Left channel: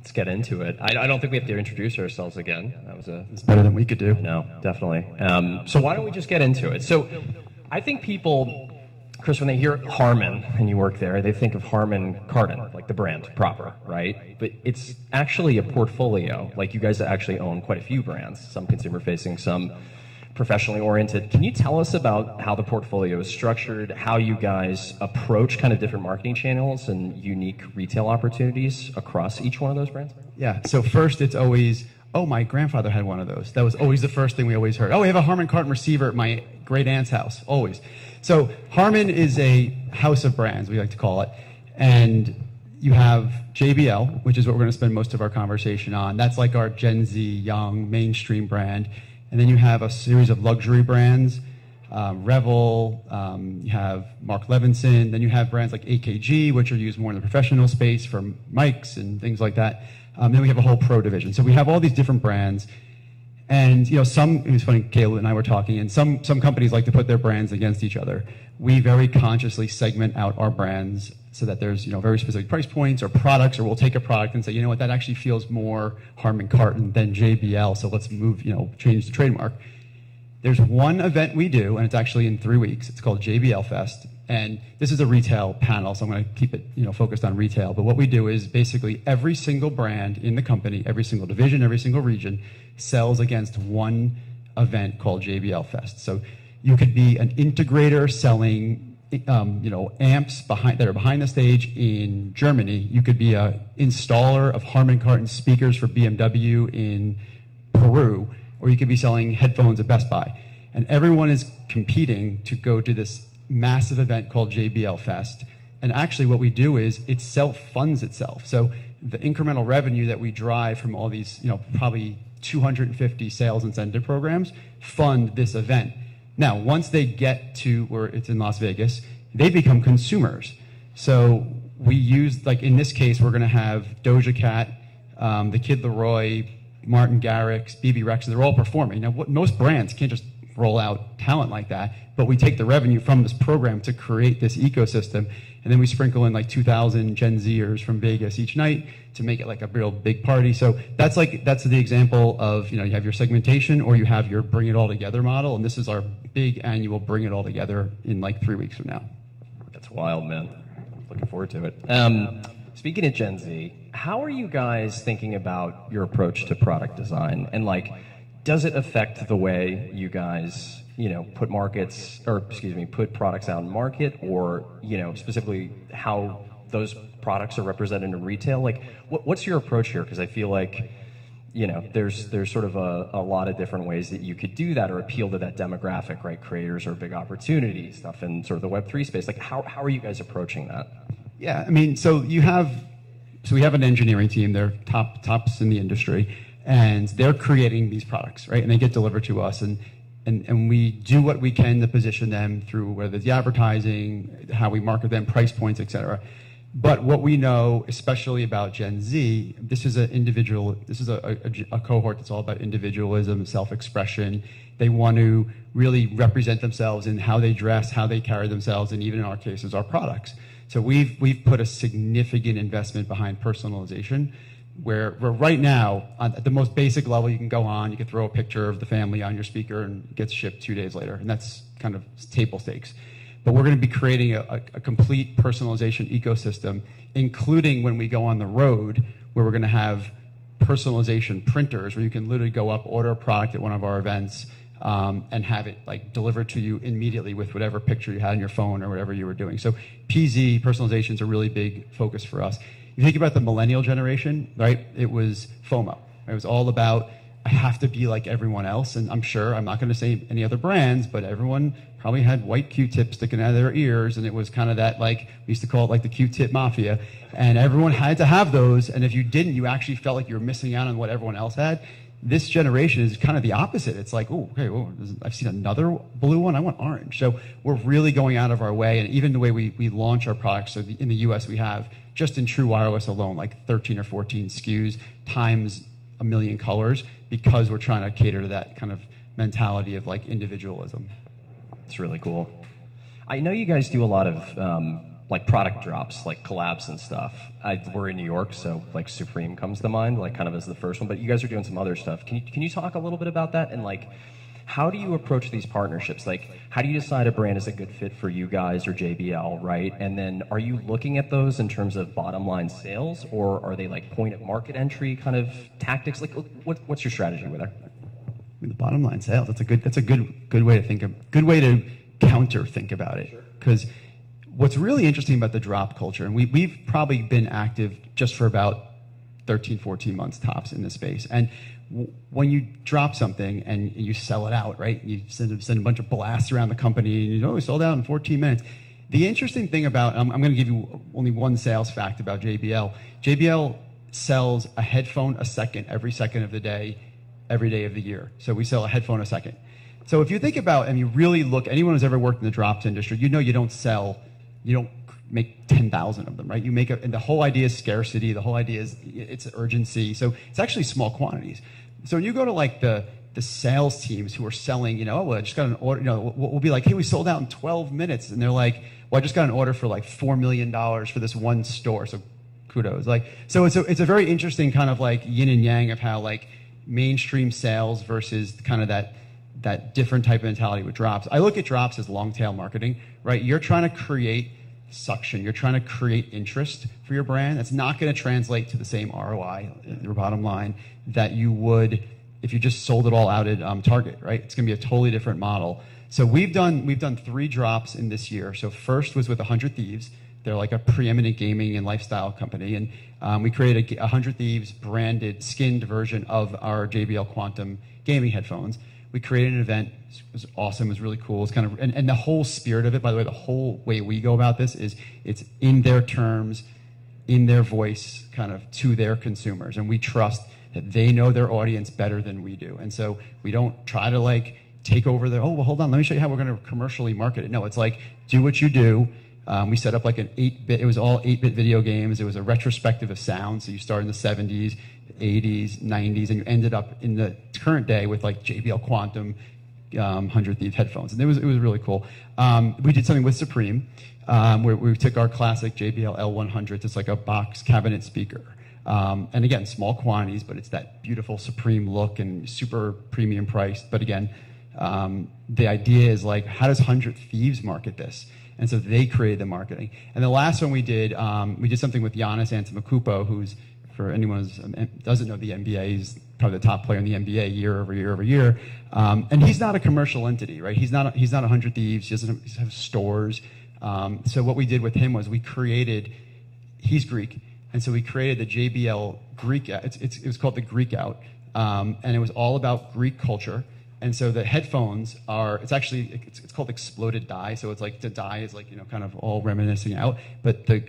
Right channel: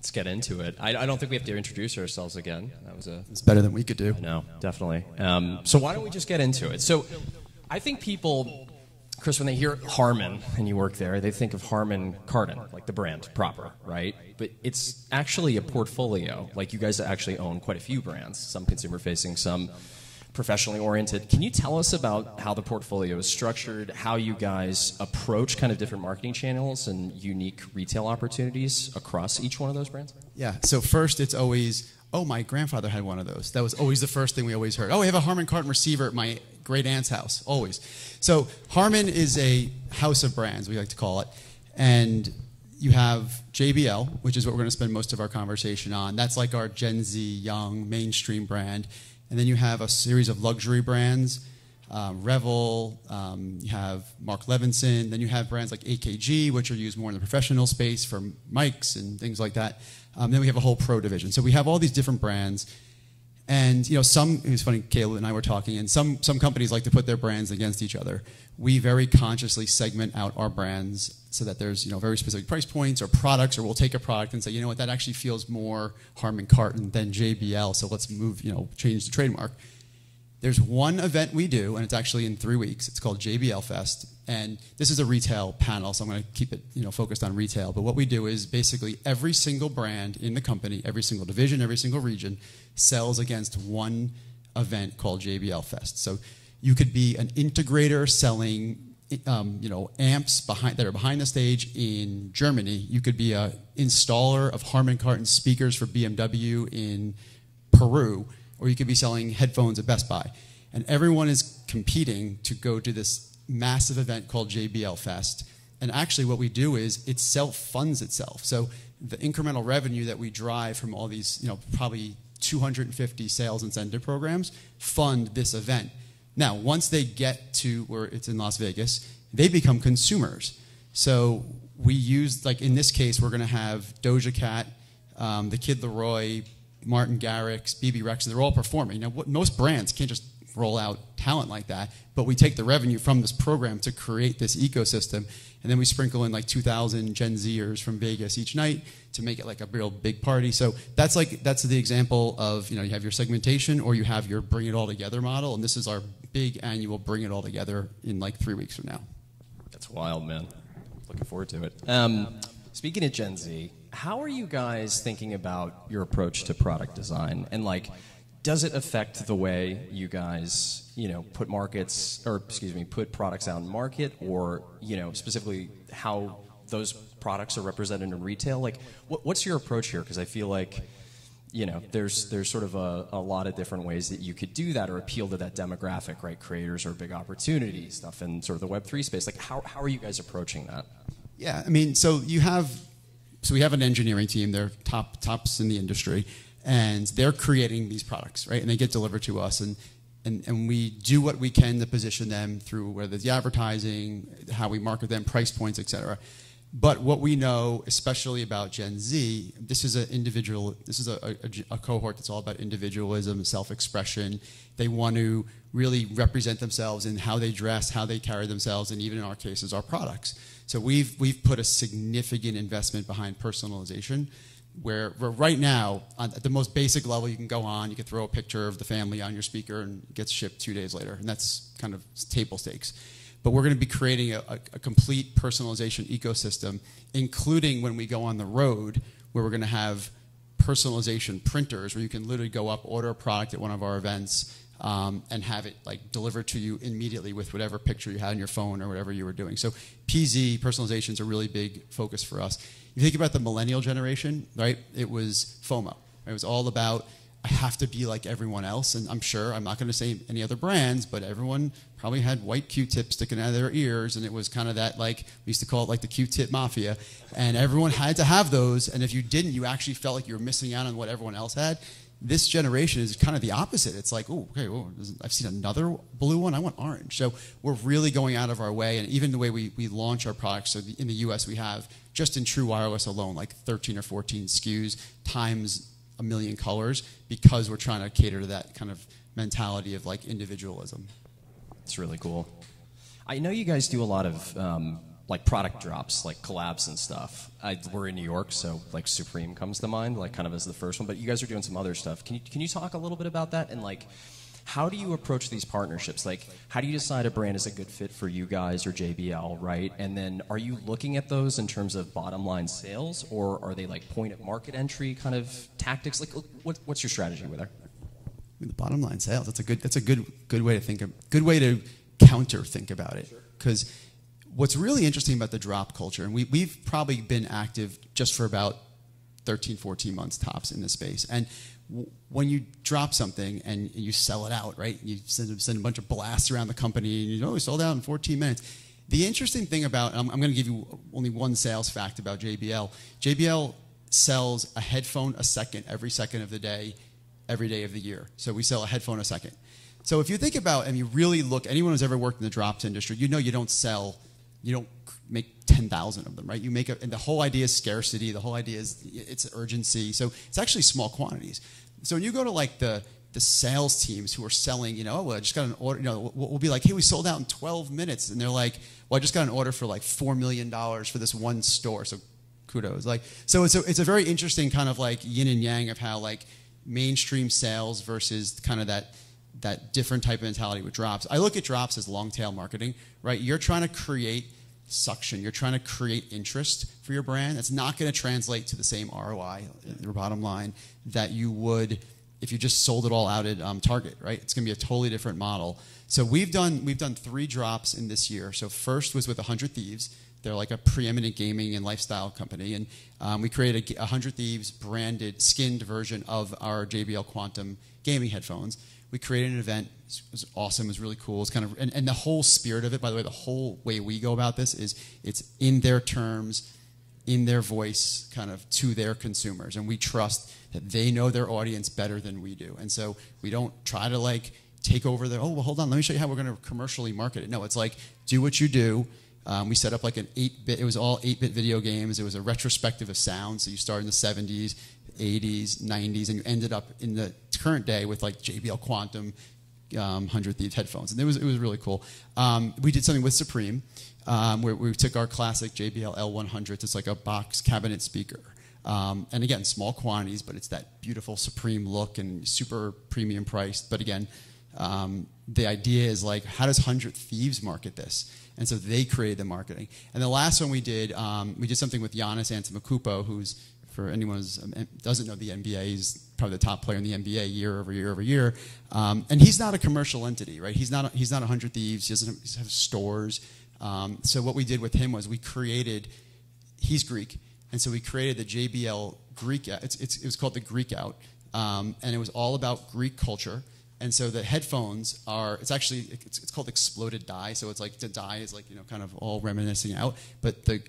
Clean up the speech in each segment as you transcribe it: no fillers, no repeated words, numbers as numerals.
Let's get into it. I don't think we have to introduce ourselves again. That was It's better than we could do. No, definitely. So why don't we just get into it? So I think people, Chris, when they hear Harman and you work there, they think of Harman Kardon, like the brand proper, right? But it's actually a portfolio. Like you guys actually own quite a few brands, some consumer-facing, some professionally oriented. Can you tell us about how the portfolio is structured, how you guys approach kind of different marketing channels and unique retail opportunities across each one of those brands? Yeah, so first it's always, oh, my grandfather had one of those. That was always the first thing we always heard. Oh, we have a Harman Kardon receiver at my great aunt's house, always. So Harman is a house of brands, we like to call it. And you have JBL, which is what we're going to spend most of our conversation on. That's like our Gen Z, young, mainstream brand. And then you have a series of luxury brands, Revel, you have Mark Levinson, then you have brands like AKG, which are used more in the professional space for mics and things like that. Then we have a whole pro division. So we have all these different brands. And it was funny, Caleb and I were talking, and some companies like to put their brands against each other. We very consciously segment out our brands so that there's very specific price points or products, or we'll take a product and say, you know what, that actually feels more Harman Kardon than JBL, so let's move, change the trademark. There's one event we do, and it's actually in 3 weeks. It's called Jbl Fest, and this is a retail panel, so I'm going to keep it focused on retail. But what we do is basically every single brand in the company, every single division, every single region sells against one event called Jbl Fest. So you could be an integrator selling amps that are behind the stage in Germany. You could be an installer of Harman Kardon speakers for BMW in Peru, or you could be selling headphones at Best Buy. And everyone is competing to go to this massive event called Jbl Fest. And actually what we do is it self-funds itself. So the incremental revenue that we drive from all these, probably 250 sales incentive programs fund this event. Now, once they get to where it's in Las Vegas, they become consumers. So we use, like in this case, we're going to have Doja Cat, the Kid Laroi, Martin Garrix, BB Rex, and they're all performing. Now, most brands can't just roll out talent like that, but we take the revenue from this program to create this ecosystem, and then we sprinkle in like 2,000 Gen Zers from Vegas each night to make it like a real big party. So that's the example of, you have your segmentation or you have your bring it all together model, and this is our big annual bring it all together in like 3 weeks from now. That's wild, man. Looking forward to it. Speaking of Gen Z, how are you guys thinking about your approach to product design? And does it affect the way you guys, put products out in market, or, specifically how those products are represented in retail? What's your approach here? Because I feel like, there's sort of a lot of different ways that you could do that or appeal to that demographic, right? Creators are a big opportunity, stuff in sort of the Web3 space. How are you guys approaching that? Yeah, so we have an engineering team. They're tops in the industry, and they're creating these products, right? And they get delivered to us, and we do what we can to position them through whether it's the advertising, how we market them, price points, etc. But what we know, especially about Gen Z, this is a cohort that's all about individualism, self-expression. They want to really represent themselves in how they dress, how they carry themselves, and even in our cases, our products. So we've put a significant investment behind personalization, where right now, at the most basic level, you can go on, you can throw a picture of the family on your speaker and it gets shipped 2 days later, and that's kind of table stakes. But we're going to be creating a complete personalization ecosystem, including when we go on the road, where we're going to have personalization printers, where you can literally go up, order a product at one of our events, and have it delivered to you immediately with whatever picture you had on your phone or whatever you were doing. So PZ, personalization, is a really big focus for us. If you think about the millennial generation, right, it was FOMO. It was all about, I have to be like everyone else, and I'm not going to say any other brands, but everyone probably had white Q-tips sticking out of their ears, and it was kind of that, we used to call it the Q-tip mafia, and everyone had to have those, and if you didn't, you actually felt like you were missing out on what everyone else had. This generation is kind of the opposite. It's like, I've seen another blue one, I want orange. So we're really going out of our way, and even the way we launch our products, so in the US we have, just in True Wireless alone, 13 or 14 SKUs times a million colors, because we're trying to cater to that kind of mentality of individualism. It's really cool. I know you guys do a lot of like product drops, like collabs and stuff. We're in New York, so like Supreme comes to mind, like kind of as the first one. But you guys are doing some other stuff. Can you talk a little bit about that, and like how do you approach these partnerships? Like, how do you decide a brand is a good fit for you guys or JBL, right? And then are you looking at those in terms of bottom line sales, or are they like point of market entry kind of tactics? Like, what's your strategy with that? With the bottom line sales, that's a good way to think of, good way to counter think about it. Because what's really interesting about the drop culture, and we've probably been active just for about 13, 14 months tops in this space. And when you drop something and you sell it out, right? You send a bunch of blasts around the company, and you know, we sold out in 14 minutes. The interesting thing about, I'm going to give you only one sales fact about JBL. JBL sells a headphone a second, every second of the day, every day of the year. So we sell a headphone a second. So if you think about, and you really look, anyone who's ever worked in the drops industry, you know you don't make 10,000 of them, right? You make and the whole idea is scarcity. The whole idea is it's urgency. So it's actually small quantities. So you go to like the sales teams who are selling, you know, oh, well, I just got an order, you know, we'll be like, hey, we sold out in 12 minutes. And they're like, well, I just got an order for like $4 million for this one store. So kudos. Like, so it's a very interesting kind of like yin and yang of how like mainstream sales versus kind of that different type of mentality with drops. I look at drops as long tail marketing, right? You're trying to create suction. You're trying to create interest for your brand. That's not going to translate to the same ROI, your bottom line, that you would if you just sold it all out at Target, right? It's going to be a totally different model. So we've done 3 drops in this year. So first was with 100 Thieves. They're like a preeminent gaming and lifestyle company, and we created a 100 Thieves branded, skinned version of our JBL Quantum gaming headphones. We created an event. It was awesome. It was really cool. It's kind of, and the whole spirit of it, by the way, the whole way we go about this is it's in their terms, in their voice, kind of to their consumers. And we trust that they know their audience better than we do. And so we don't try to like take over their, oh, well, hold on, let me show you how we're going to commercially market it. No, it's like, do what you do. We set up like an 8-bit, it was all 8-bit video games. It was a retrospective of sound. So you start in the 70s, 80s, 90s, and you ended up in the current day with like JBL Quantum 100 Thieves headphones. And it was really cool. We did something with Supreme where we took our classic JBL L100s. It's like a box cabinet speaker. And again, small quantities, but it's that beautiful Supreme look and super premium priced. But again, the idea is like, how does 100 Thieves market this? And so they created the marketing. And the last one we did something with Giannis Antetokounmpo, who's, for anyone who doesn't know the NBA, he's probably the top player in the NBA year over year over year. And he's not a commercial entity, right? He's not 100 Thieves. He doesn't have stores. So what we did with him was he's Greek, and so we created the JBL Greek out. It was called the Greek Out, and it was all about Greek culture. And so the headphones it's called exploded dye. So it's like the dye is like, you know, kind of all reminiscing out, but the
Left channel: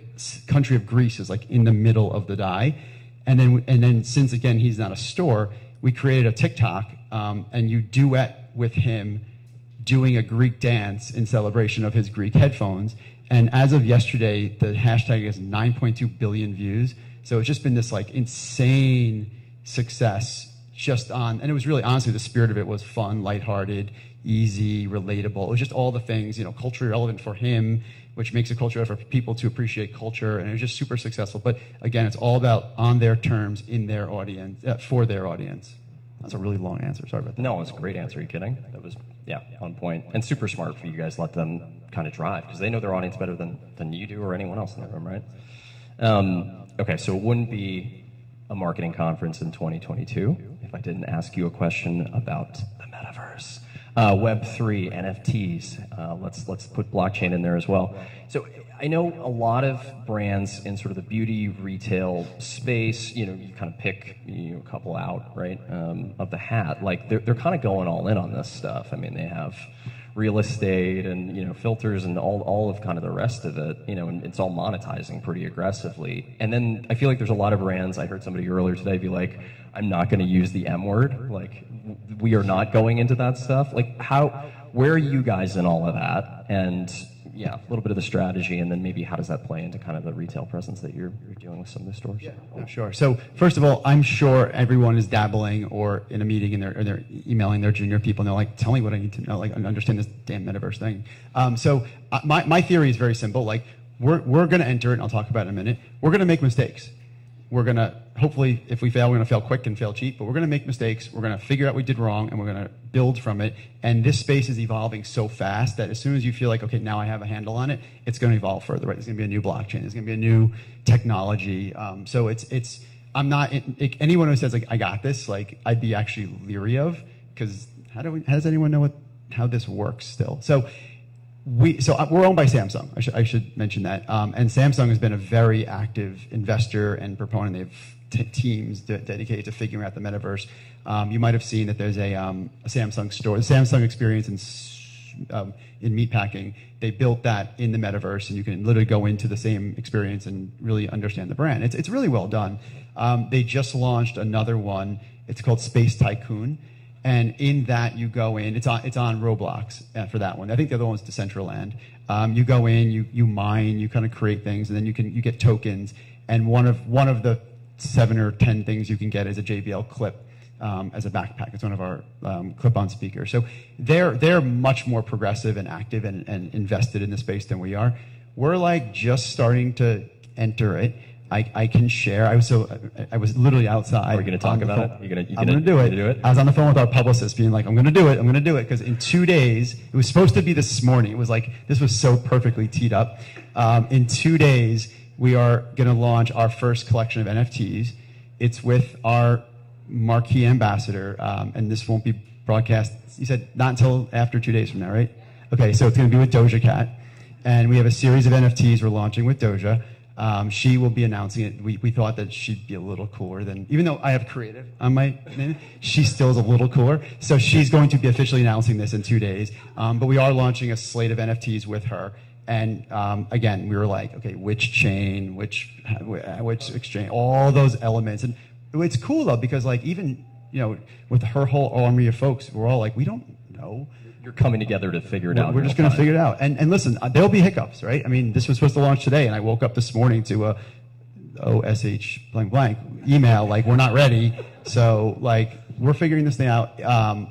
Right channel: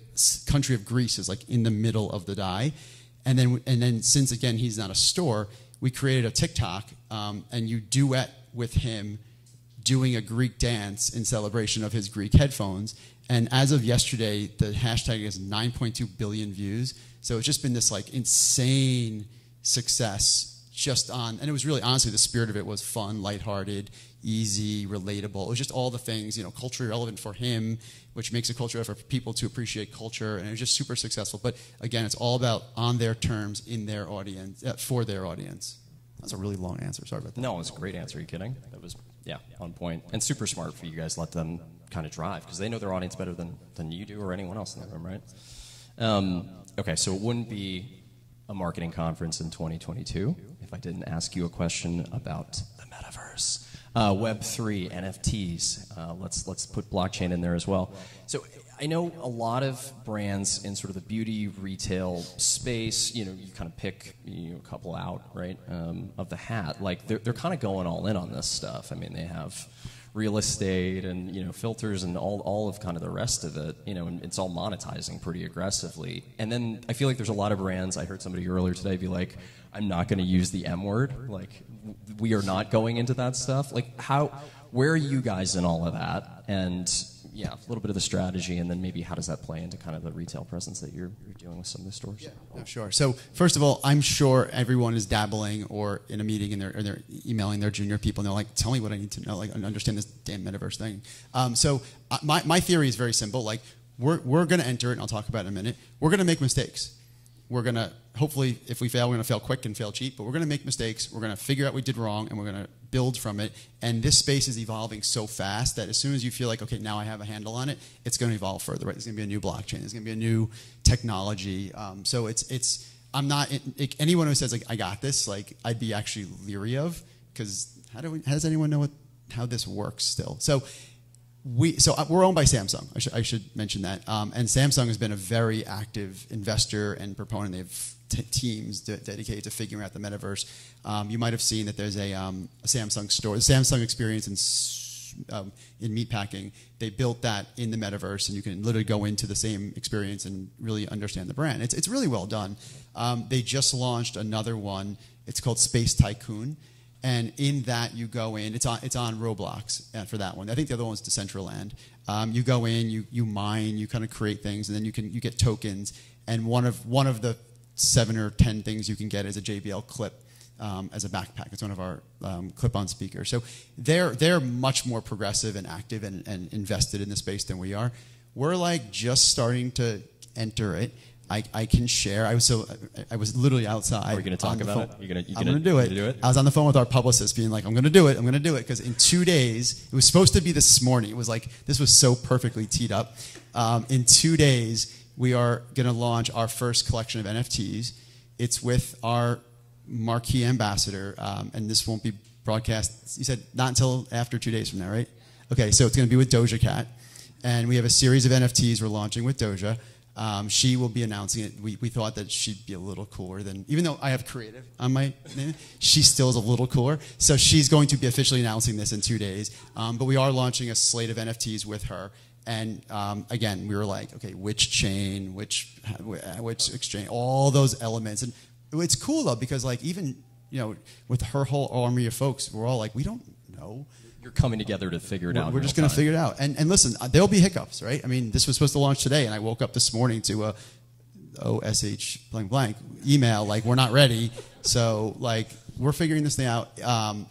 country of Greece is like in the middle of the dye. And then since again, he's not a store, we created a TikTok and you duet with him doing a Greek dance in celebration of his Greek headphones. And as of yesterday, the hashtag is 9.2 billion views. So it's just been this like insane success and it was really, honestly, the spirit of it was fun, lighthearted, easy, relatable. It was just all the things, you know, culturally relevant for him, which makes it culture for people to appreciate culture, and it was just super successful. But again, it's all about on their terms, in their audience, for their audience. That's a really long answer, sorry about that. No, it was a great answer, are you kidding? That was, yeah, on point. And super smart for you guys to let them kind of drive, because they know their audience better than you do or anyone else in the room, right? Okay, so it wouldn't be a marketing conference in 2022 if I didn't ask you a question about the metaverse, Web3, NFTs. Let's put blockchain in there as well. So I know a lot of brands in sort of the beauty retail space, you know, you kind of pick a couple out, right, of the hat. Like they're kind of going all in on this stuff. I mean, they have real estate and, you know, filters and all of kind of the rest of it, you know, and it's all monetizing pretty aggressively. And then I feel like there's a lot of brands, I heard somebody earlier today be like, I'm not going to use the M word. Like, we are not going into that stuff. Like, where are you guys in all of that? And yeah, a little bit of the strategy, and then maybe how does that play into kind of the retail presence that you're doing with some of the stores? Yeah, no, sure. So first of all, I'm sure everyone is dabbling or in a meeting and they're emailing their junior people and they're like, tell me what I need to know, like understand this damn metaverse thing. So my theory is very simple. Like, we're going to enter it, and I'll talk about it in a minute. We're going to make mistakes. We're going to, hopefully, if we fail, we're going to fail quick and fail cheap, but we're going to make mistakes. We're going to figure out what we did wrong, and we're going to build from it. And this space is evolving so fast that as soon as you feel like, okay, now I have a handle on it, it's going to evolve further, right? There's going to be a new blockchain. There's going to be a new technology. So I'm not, anyone who says, like, I got this, like, I'd be actually leery of, because how does anyone know how this works still? So we're owned by Samsung. I should mention that. And Samsung has been a very active investor and proponent. They have teams dedicated to figuring out the metaverse. You might have seen that there's a Samsung store, the Samsung experience in meatpacking. They built that in the metaverse, and you can literally go into the same experience and really understand the brand. It's really well done. They just launched another one. It's called Space Tycoon. And in that, you go in. It's on Roblox for that one. I think the other one's Decentraland. You go in, you mine, you kind of create things, and then you get tokens. And one of the 7 or 10 things you can get is a JBL clip as a backpack. It's one of our clip-on speakers. So they're much more progressive and active and invested in the space than we are. We're like just starting to enter it. I can share. I was literally outside. Are we going to talk about it? I'm going to do it. I was on the phone with our publicist being like, I'm going to do it. Because in 2 days, it was supposed to be this morning. It was like, this was so perfectly teed up. In 2 days, we are going to launch our first collection of NFTs. It's with our marquee ambassador, and this won't be broadcast. You said not until after 2 days from now, right? Okay, so it's going to be with Doja Cat. And we have a series of NFTs we're launching with Doja. She will be announcing it. We thought that she'd be a little cooler than, even though I have creative on my, she still is a little cooler. So she's going to be officially announcing this in 2 days. But we are launching a slate of NFTs with her. And again, we were like, okay, which chain, which exchange, all those elements. And it's cool though, because like even, with her whole army of folks, we're all like, we don't know. You're coming together to figure it out. We're just going to figure it out. And listen, there'll be hiccups, right? I mean, this was supposed to launch today, and I woke up this morning to OSH blank blank email, like, we're not ready. So, like, we're figuring this thing out.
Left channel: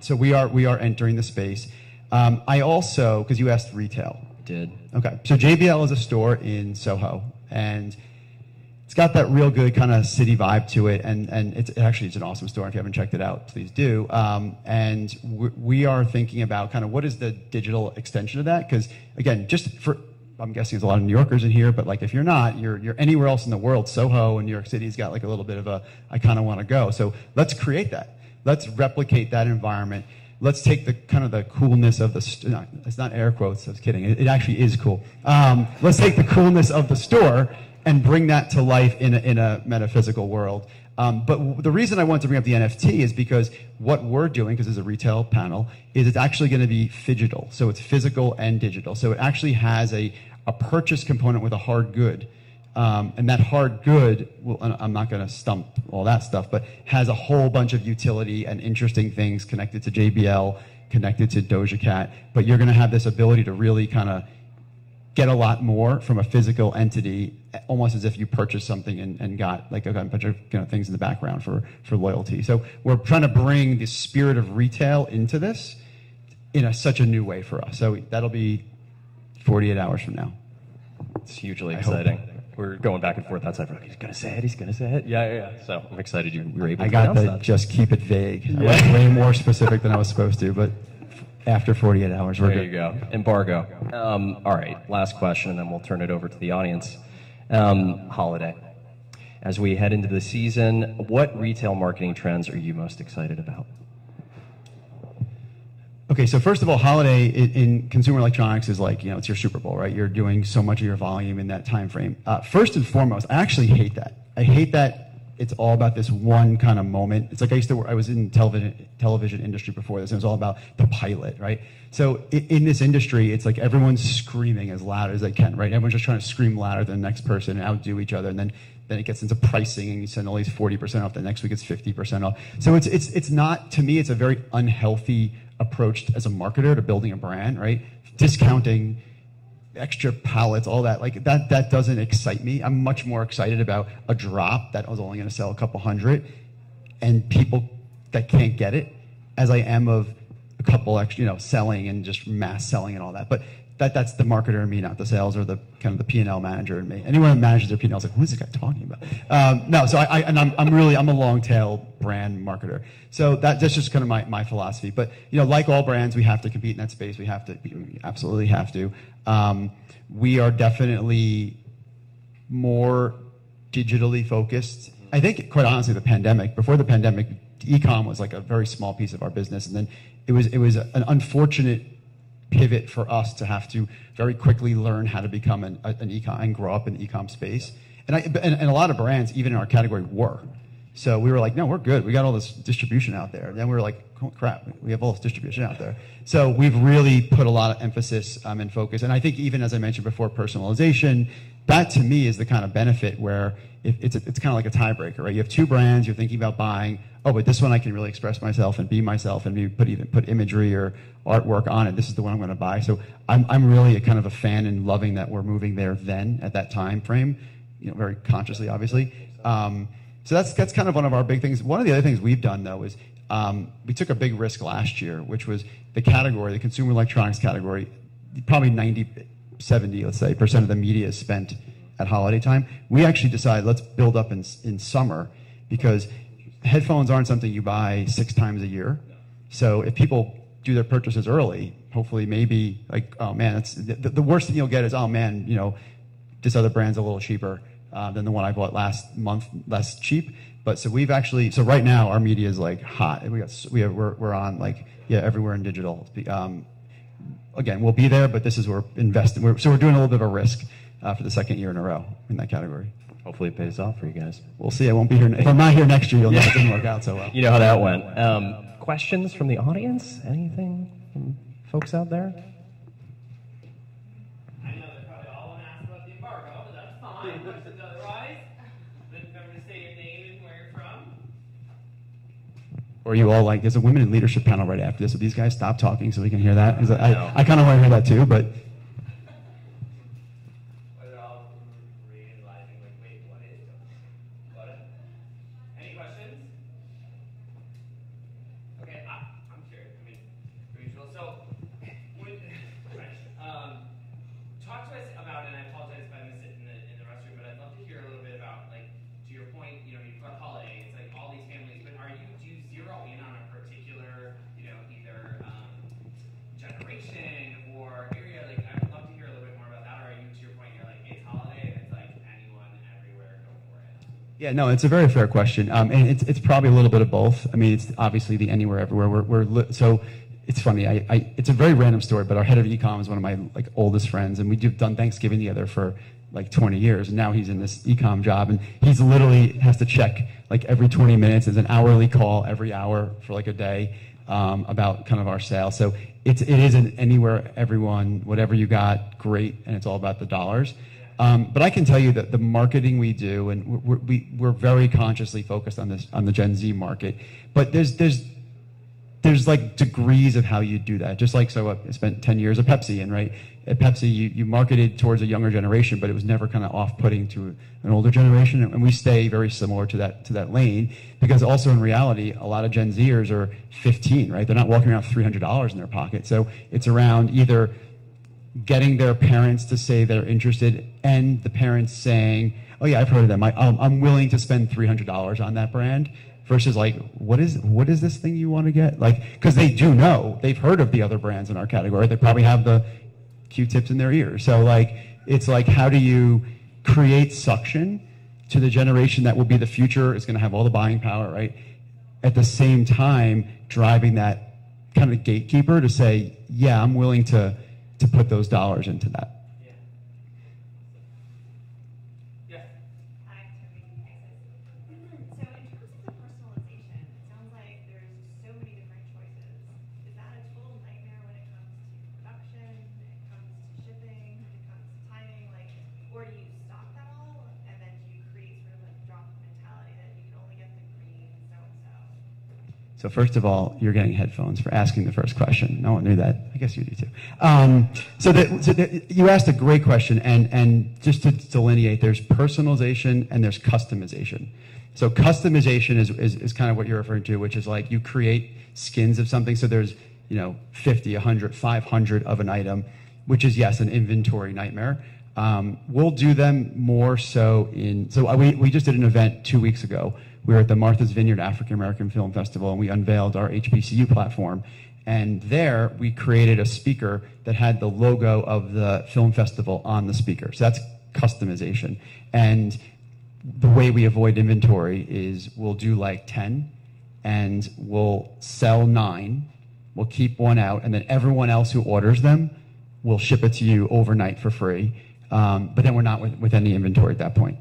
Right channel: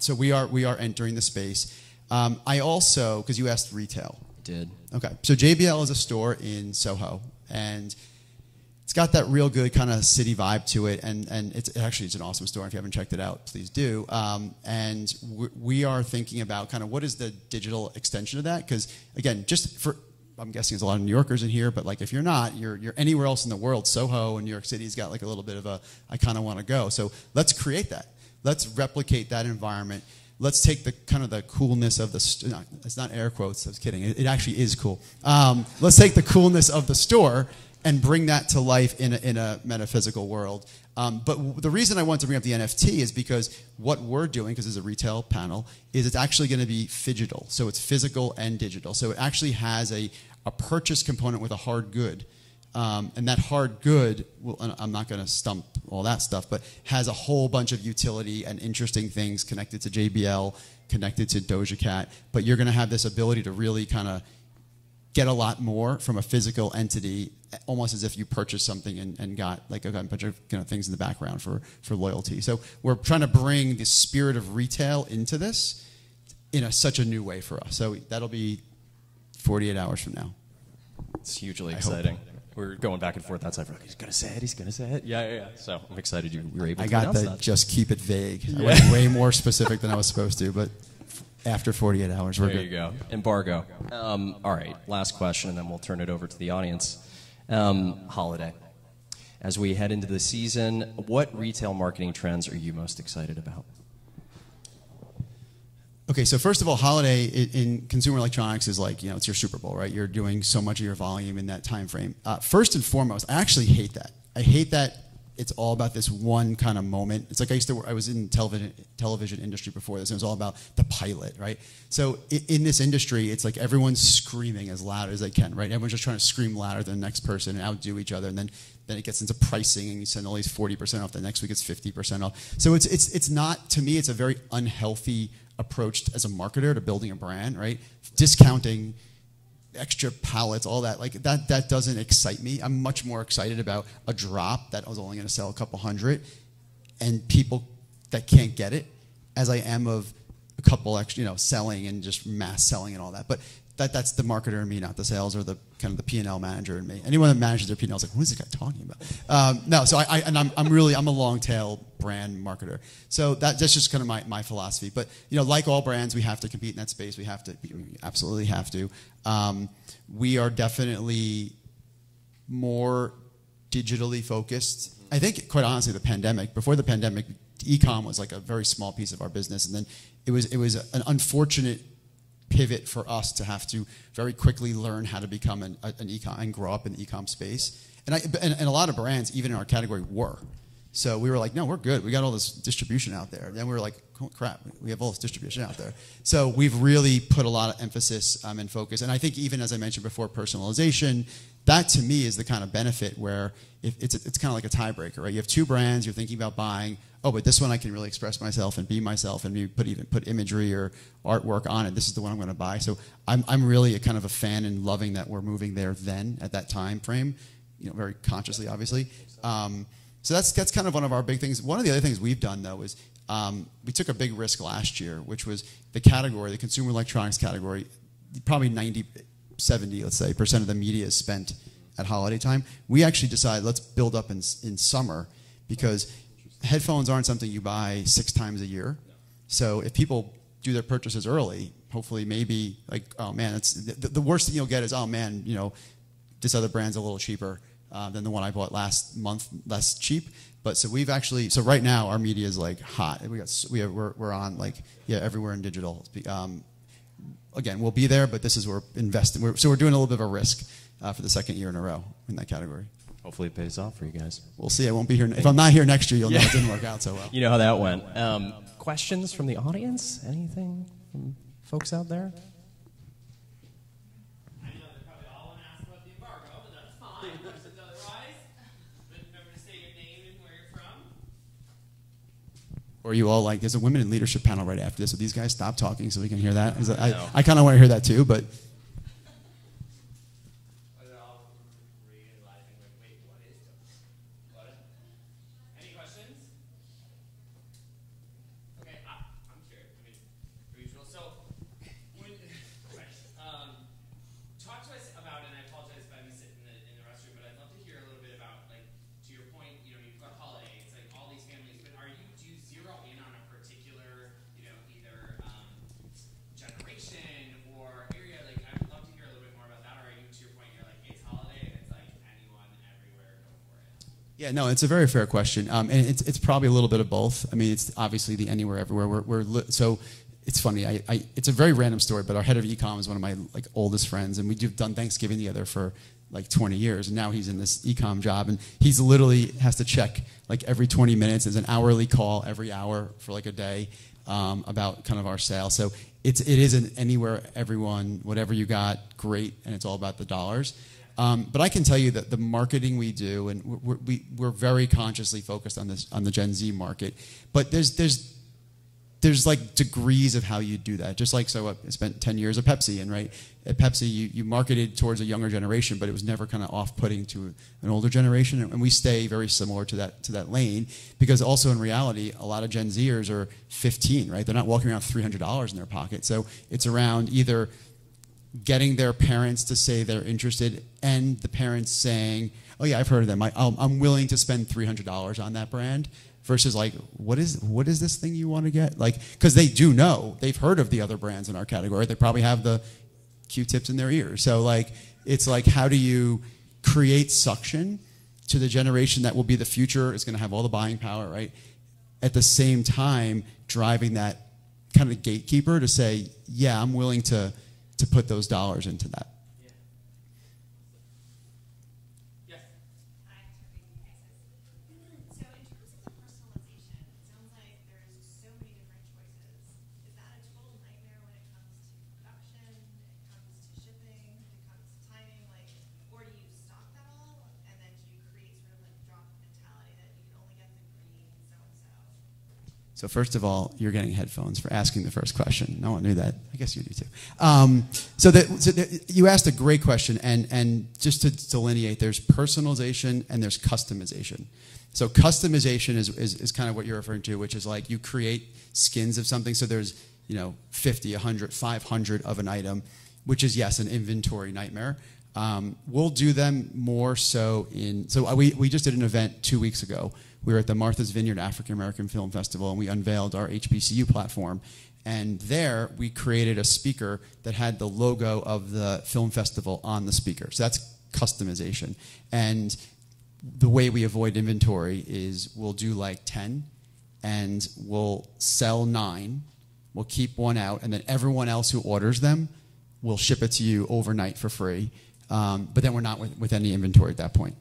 So we are entering the space. I also, because you asked retail. Did. Okay. So JBL is a store in Soho, and it's got that real good kind of city vibe to it, and it's an awesome store. If you haven't checked it out, please do. And we are thinking about kind of what is the digital extension of that, because again, I'm guessing there's a lot of New Yorkers in here, but like if you're not, you're anywhere else in the world. Soho in New York City's got like a little bit of a, I kind of want to go. So let's create that. Let's replicate that environment. Let's take the kind of the coolness of the, it's not air quotes, I was kidding. It actually is cool. Let's take the coolness of the store and bring that to life in a metaphysical world. But the reason I want to bring up the NFT is because what we're doing, because it's a retail panel, is it's actually going to be phygital. So it's physical and digital. So it actually has a purchase component with a hard good. And that hard good, well, I'm not going to stump all that stuff, but has a whole bunch of utility and interesting things connected to JBL, connected to Doja Cat. But you're going to have this ability to really kind of get a lot more from a physical entity, almost as if you purchased something and got like a bunch of things in the background for loyalty. So we're trying to bring the spirit of retail into this in such a new way for us. So that'll be 48 hours from now. It's hugely exciting. We're going back and forth outside. He's going to say it. He's going to say it. Yeah. So I'm excited you were able to announce that. Just keep it vague. I went way more specific than I was supposed to, but after 48 hours, we're good. There you go. Embargo. All right, last question, and then we'll turn it over to the audience. Holiday. As we head into the season, what retail marketing trends are you most excited about? Okay, so first of all, holiday in consumer electronics is like, it's your Super Bowl, right? You're doing so much of your volume in that time frame. First and foremost, I actually hate that. I hate that it's all about this one kind of moment. It's like I was in television industry before this, and it was all about the pilot, right? So in this industry, it's like everyone's screaming as loud as they can, right? Everyone's just trying to scream louder than the next person and outdo each other, and then it gets into pricing, and you send all these 40% off. The next week it's 50% off. So it's not, to me, it's a very unhealthy approach as a marketer to building a brand, right? Discounting, extra pallets, all that, like that doesn't excite me. I'm much more excited about a drop that was only going to sell a couple hundred and people that can't get it, as I am of a couple extra, selling and just mass selling and all that. But that's the marketer in me, not the sales or the kind of the P&L manager in me. Anyone that manages their P&L is like, who's this guy talking about? No, so I'm a long tail brand marketer. So that's just kind of my philosophy. But like all brands, we have to compete in that space. We absolutely have to. We are definitely more digitally focused. I think, quite honestly, before the pandemic, e-com was like a very small piece of our business, and then it was an unfortunate pivot for us to have to very quickly learn how to become an e-com and grow up in the e-com space. And a lot of brands, even in our category, were. So we were like, no, we're good. We got all this distribution out there. And then we were like, oh crap, we have all this distribution out there. So we've really put a lot of emphasis and focus. And I think even as I mentioned before, personalization, that to me is the kind of benefit where it's kind of like a tiebreaker, right? You have two brands, you're thinking about buying, oh, but this one I can really express myself and be myself and maybe put imagery or artwork on it. This is the one I'm going to buy. So I'm really a kind of a fan and loving that we're moving there then at that time frame, very consciously, obviously. So that's kind of one of our big things. One of the other things we've done, though, is we took a big risk last year, which was the consumer electronics category, probably 70, let's say, % of the media is spent at holiday time. We actually decided let's build up in summer, because headphones aren't something you buy 6 times a year. So if people do their purchases early, hopefully maybe like, oh man, that's the worst thing you'll get is, oh man, this other brand's a little cheaper than the one I bought last month, less cheap. But so right now our media is like hot. We're on like everywhere in digital. Again, we'll be there, but this is where we're investing. So we're doing a little bit of a risk for the second year in a row in that category. Hopefully it pays off for you guys. We'll see. I won't be here. If I'm not here next year, you'll know it didn't work out so well. You know how that went. Questions from the audience? Anything from folks out there? I know they're probably all want to ask about the embargo, but that's fine. Questions otherwise? But remember to say your name and where you're from. Or are you all like, there's a women in leadership panel right after this. Will these guys stop talking so we can hear that? I kind of want to hear that too, but. Any questions? Okay, I'm curious. Per usual. So, talk to us about, and I apologize if I missed it in the restroom, but I'd love to hear a little bit about, like, to your point, you've got holidays, like all these families, but do you zero in on a particular, either generation or area? Like, I would love to hear a little bit more about that. Or are you, to your point, you're like, it's holiday, and it's like anyone, everywhere, go for it? Yeah, no, it's a very fair question, and it's probably a little bit of both. I mean, it's obviously the anywhere, everywhere. So it's funny. It's a very random story, but our head of e-com is one of my oldest friends, and we've done Thanksgiving together for 20 years, and now he's in this e-com job, and he's literally has to check every 20 minutes. There's an hourly call every hour for a day about kind of our sales. So it is an anywhere, everyone, whatever you got, great, and it's all about the dollars. But I can tell you that the marketing we do, and we're very consciously focused on the Gen Z market. But there's degrees of how you do that. Just I spent 10 years at Pepsi, and at Pepsi you marketed towards a younger generation, but it was never kind of off-putting to an older generation. And we stay very similar to that lane, because also in reality, a lot of Gen Zers are 15, right? They're not walking around with $300 in their pocket. So it's around either getting their parents to say they're interested, and the parents saying, oh yeah, I've heard of them. I'm willing to spend $300 on that brand, versus what is this thing you want to get? Because they do know, they've heard of the other brands in our category. They probably have the Q-tips in their ears. So it's how do you create suction to the generation that will be the future, is going to have all the buying power, right? At the same time, driving that kind of gatekeeper to say, yeah, I'm willing to put those dollars into that. Yeah. Hi, Toby. So in terms of the personalization, it sounds like there's so many different choices. Is that a total nightmare when it comes to production, it comes to shipping, it comes to timing, or do you stock that all, and then do you create sort of drop mentality that you can only get the green so-and-so? So first of all, you're getting headphones for asking the first question. No one knew that. I guess you do too. You asked a great question, and just to delineate, there's personalization and there's customization. So customization is kind of what you're referring to, which is you create skins of something. So there's 50, 100, 500 of an item. which is, yes, an inventory nightmare. We'll do them more so we just did an event 2 weeks ago. We were at the Martha's Vineyard African American Film Festival, and we unveiled our HBCU platform. And there, we created a speaker that had the logo of the film festival on the speaker. So that's customization. And the way we avoid inventory is we'll do like 10, and we'll sell 9, we'll keep 1 out, and then everyone else who orders them, we'll ship it to you overnight for free. But then we're not with any inventory at that point.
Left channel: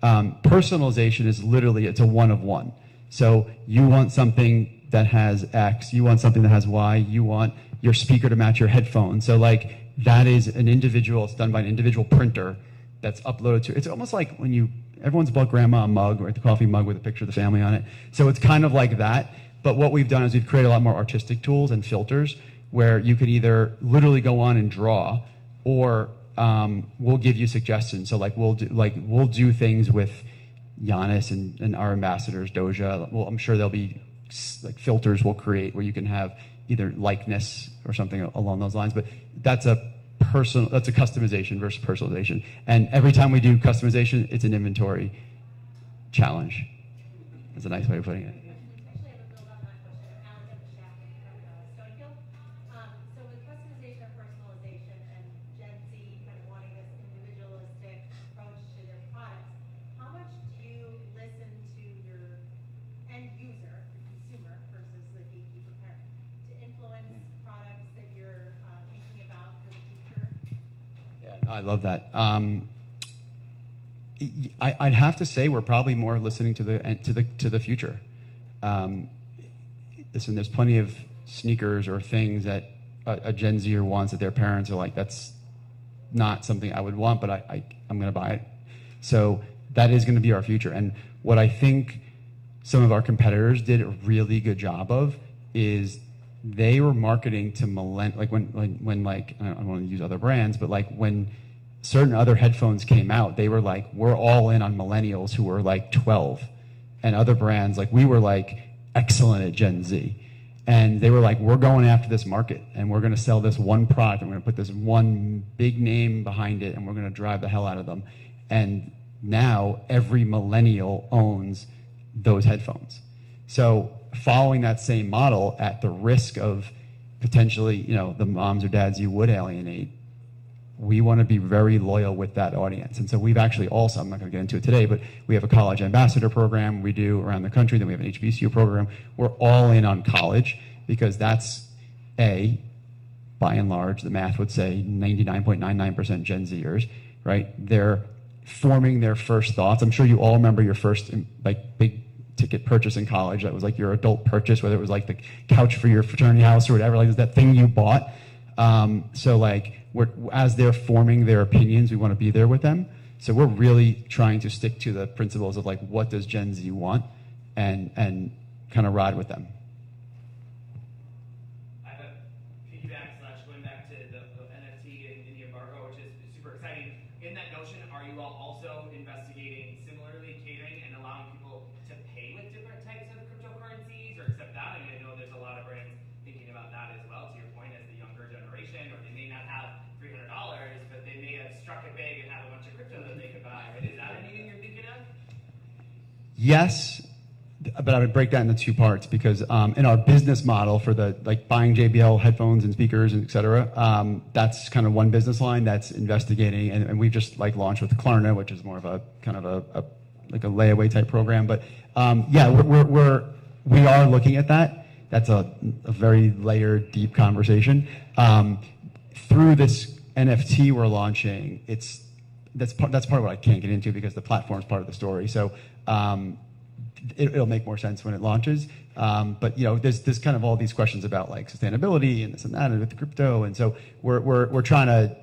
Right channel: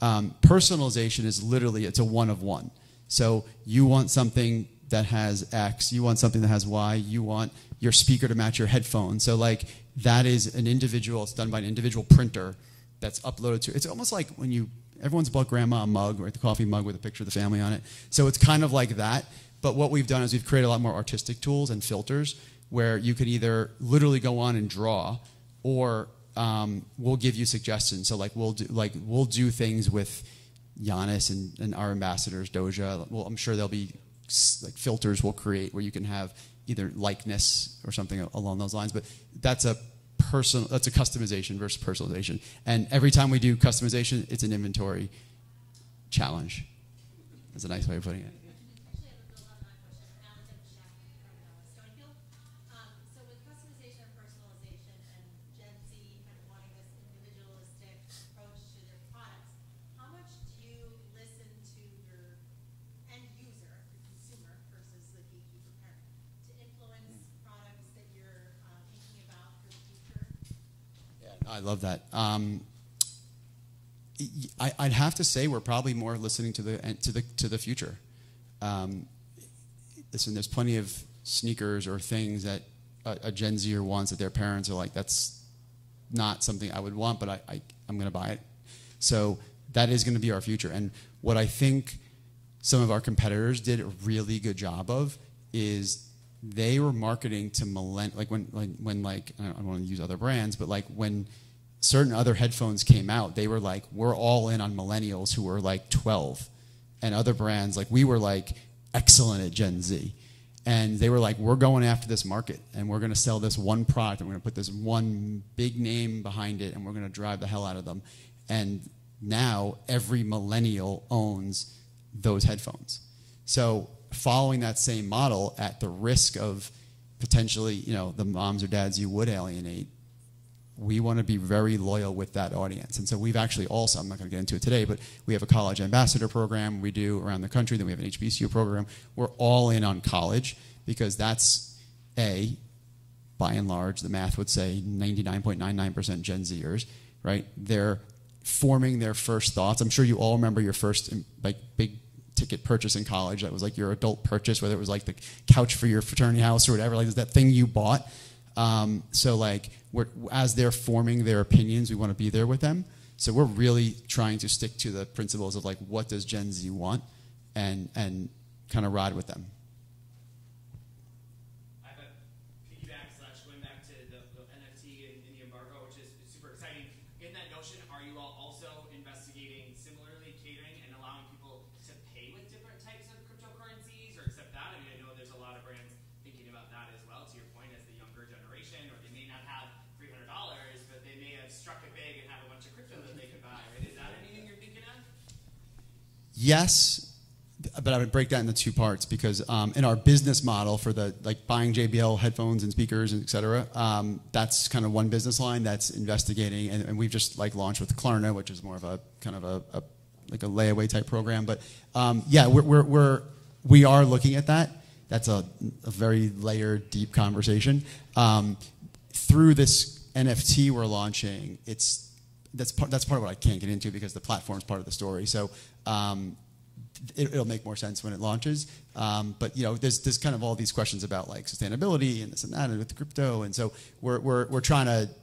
Personalization is literally, it's a 1 of 1. So you want something that has X, you want something that has Y, you want your speaker to match your headphones. So like that is an individual, it's done by an individual printer that's uploaded to, it's almost like when everyone's bought grandma a mug, or the coffee mug with a picture of the family on it. So it's kind of like that. But what we've done is we've created a lot more artistic tools and filters where you could either literally go on and draw, or we'll give you suggestions. So we'll do things with Giannis and our ambassadors, Doja. Well, I'm sure there'll be like filters we'll create where you can have either likeness or something along those lines. But that's a customization versus personalization. And every time we do customization, it's an inventory challenge. That's a nice way of putting it. I love that. I'd have to say we're probably more listening to the future. Listen, there's plenty of sneakers or things that a Gen Zer wants that their parents are like, that's not something I would want, but I'm going to buy it. So that is going to be our future. And what I think some of our competitors did a really good job of is they were marketing to when I don't want to use other brands, but like when certain other headphones came out, they were like, we're all in on millennials who were like 12. And other brands, like we were like excellent at Gen Z. And they were like, we're going after this market, and we're going to sell this one product, and we're going to put this one big name behind it, and we're going to drive the hell out of them. And now every millennial owns those headphones. So following that same model at the risk of potentially, the moms or dads you would alienate, we want to be very loyal with that audience. And so we've actually also, I'm not going to get into it today, but we have a college ambassador program we do around the country. Then we have an HBCU program. We're all in on college because that's, by and large, the math would say 99.99% Gen Zers, right? They're forming their first thoughts. I'm sure you all remember your first big ticket purchase in college. That was like your adult purchase, whether it was like the couch for your fraternity house or whatever, like that thing you bought. So as they're forming their opinions, we want to be there with them. So we're really trying to stick to the principles of like, what does Gen Z want, and kind of ride with them. I have a piggyback / going back to the NFT and the embargo, which is super exciting. In that notion, are you all also investigating similarly catering and allowing people to pay with different types of cryptocurrencies or accept that? I mean, I know there's a lot of brands thinking about that as well, to your point, as the younger generation, or they may not have $300, but they may have struck it big and have a bunch of crypto that they could buy, right? Is that anything you're thinking of? Yes, but I would break that into 2 parts because in our business model for the buying JBL headphones and speakers and et cetera, that's kind of one business line that's investigating, and we've just launched with Klarna, which is more of a kind of a layaway type program. But yeah, we are looking at that. That's a very layered, deep conversation. Through this NFT we're launching, that's part of what I can't get into because the platform's part of the story. So it'll make more sense when it launches. But there's kind of all these questions about sustainability and this and that and with the crypto, and so we're trying to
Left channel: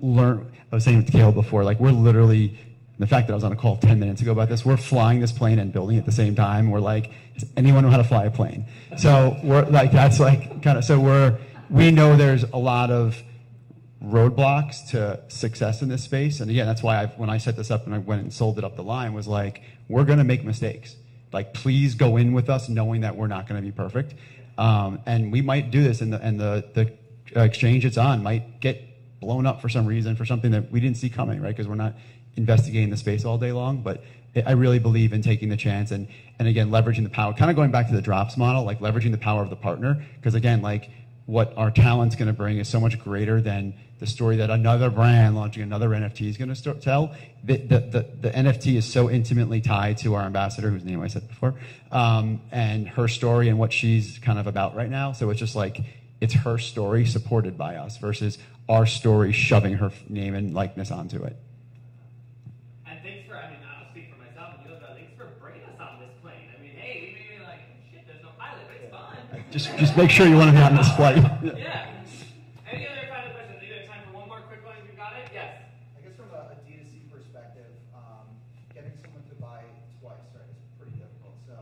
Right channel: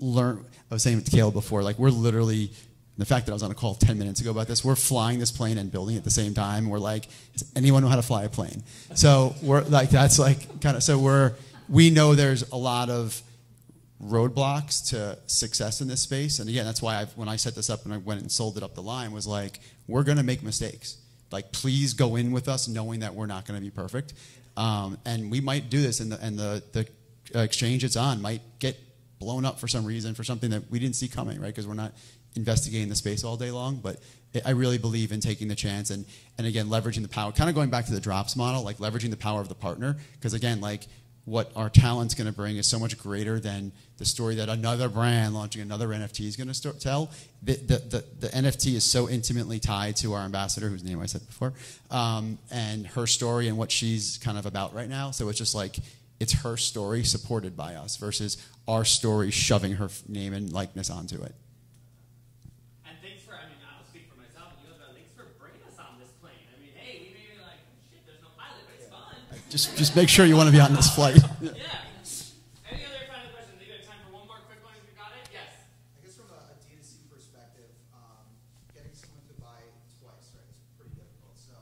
learn. I was saying with Caleb before, we're literally, the fact that I was on a call 10 minutes ago about this, we're flying this plane and building it at the same time. We're like, does anyone know how to fly a plane? So we're that's we know there's a lot of roadblocks to success in this space. And again, that's why when I set this up and I went and sold it up the line, was we're going to make mistakes. Please go in with us knowing that we're not going to be perfect. And we might do this, and the exchange it's on might get blown up for some reason, for something that we didn't see coming, right? Because we're not investigating the space all day long. But I really believe in taking the chance and again, leveraging the power, kind of going back to the drops model, like leveraging the power of the partner. Because again, like what our talent's going to bring is so much greater than the story that another brand launching another NFT is going to tell. The NFT is so intimately tied to our ambassador, whose name I said before, and her story and what she's kind of about right now. So it's just like, it's her story supported by us versus our story shoving her name and likeness onto it. And thanks for, I mean, I'll speak for myself and you, but thanks for bringing us on this plane. I mean, hey, we knew you're like, shit, there's no pilot, but it's fun. Just make sure you want to be on this flight. Yeah. Any other final questions? You have time for one more quick one if you've got it? Yes. I guess from a D2C perspective, getting someone to buy twice, right, is pretty difficult. So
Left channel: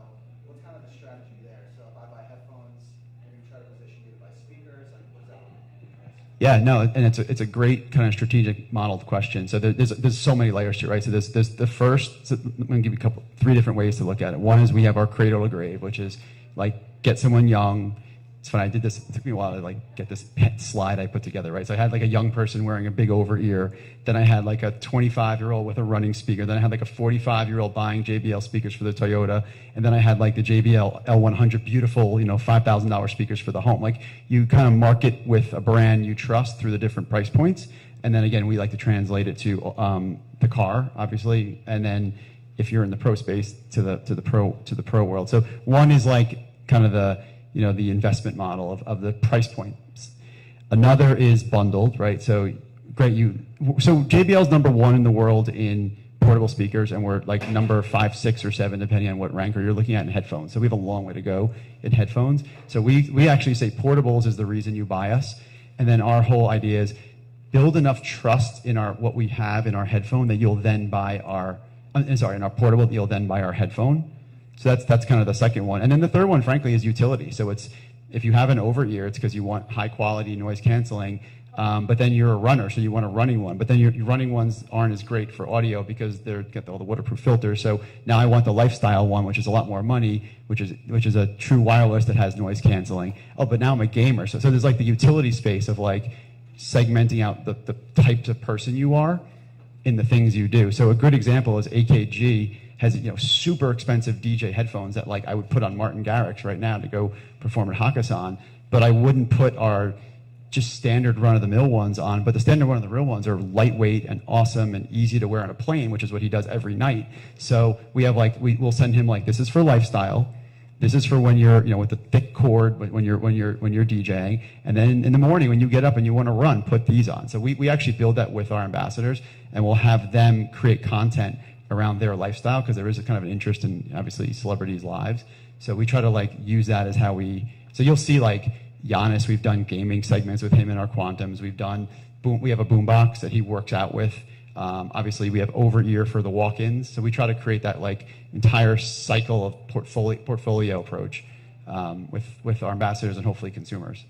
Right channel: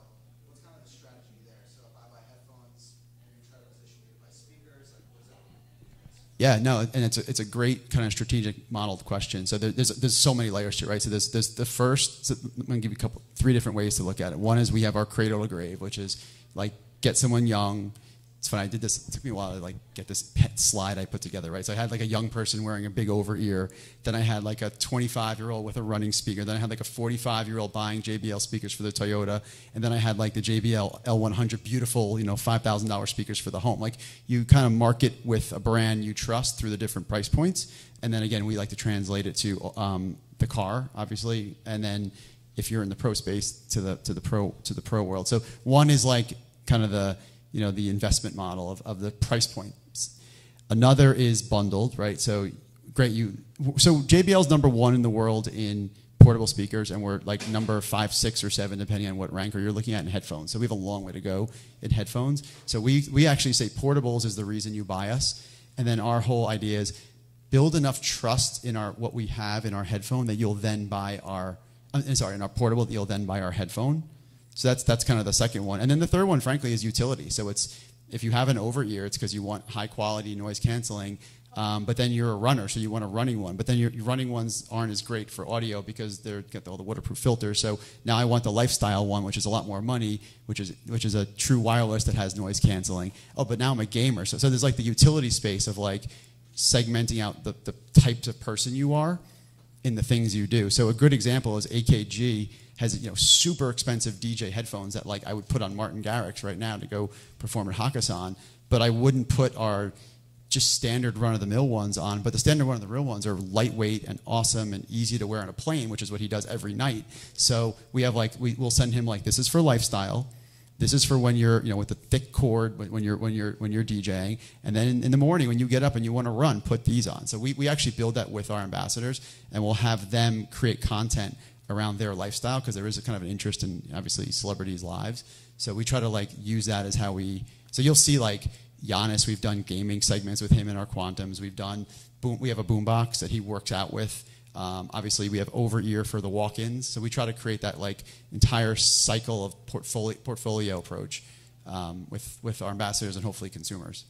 what's kind of the strategy there? So if I buy headphones, and you try to position me to buy speakers, and what does that look like? Yeah, no, and it's a great kind of strategic modeled question. So there's so many layers to it, right? So there's the first, so I'm going to give you three different ways to look at it. One is we have our cradle to grave, which is like get someone young. It's funny, I did this, it took me a while to like get this pet slide I put together, right? So I had like a young person wearing a big over ear, then I had like a 25-year-old with a running speaker, then I had like a 45-year-old buying JBL speakers for the Toyota, and then I had like the JBL L100 beautiful, $5,000 speakers for the home. Like you kind of market with a brand you trust through the different price points, and then again, we like to translate it to the car, obviously, and then if you're in the pro space, to the pro world. So one is like kind of the investment model of the price points. Another is bundled, right? So great, so JBL's number one in the world in portable speakers, and we're like number 5, 6, or 7, depending on what ranker you're looking at in headphones. So we have a long way to go in headphones. So we actually say portables is the reason you buy us, and then our whole idea is build enough trust in what we have in our headphone that you'll then buy in our portable that you'll then buy our headphone. So that's kind of the second one. And then the third one, frankly, is utility. So it's, if you have an over ear, it's because you want high quality noise canceling, but then you're a runner, so you want a running one. But then your running ones aren't as great for audio because they've got all the waterproof filters. So now I want the lifestyle one, which is a lot more money, which is a true wireless that has noise canceling. Oh, but now I'm a gamer. So there's like the utility space of like segmenting out the type of person you are in the things you do. So a good example is AKG has super expensive DJ headphones that like I would put on Martin Garrix right now to go perform at Hakkasan, but I wouldn't put our just standard run-of-the-mill ones on. But the standard run-of-the-mill ones are lightweight and awesome and easy to wear on a plane, which is what he does every night. So we have like we'll send him like, this is for lifestyle, this is for when you're with the thick cord when you're DJing, and then in the morning when you get up and you want to run, put these on. So we actually build that with our ambassadors, and we'll have them create content around their lifestyle, because there is a kind of an interest in obviously celebrities' lives. So we try to like use that as how so you'll see like Giannis, we've done gaming segments with him in our Quantums. We have a boombox that he works out with. Obviously we have over ear for the walk-ins. So we try to create that like entire cycle of portfolio approach with our ambassadors and hopefully consumers.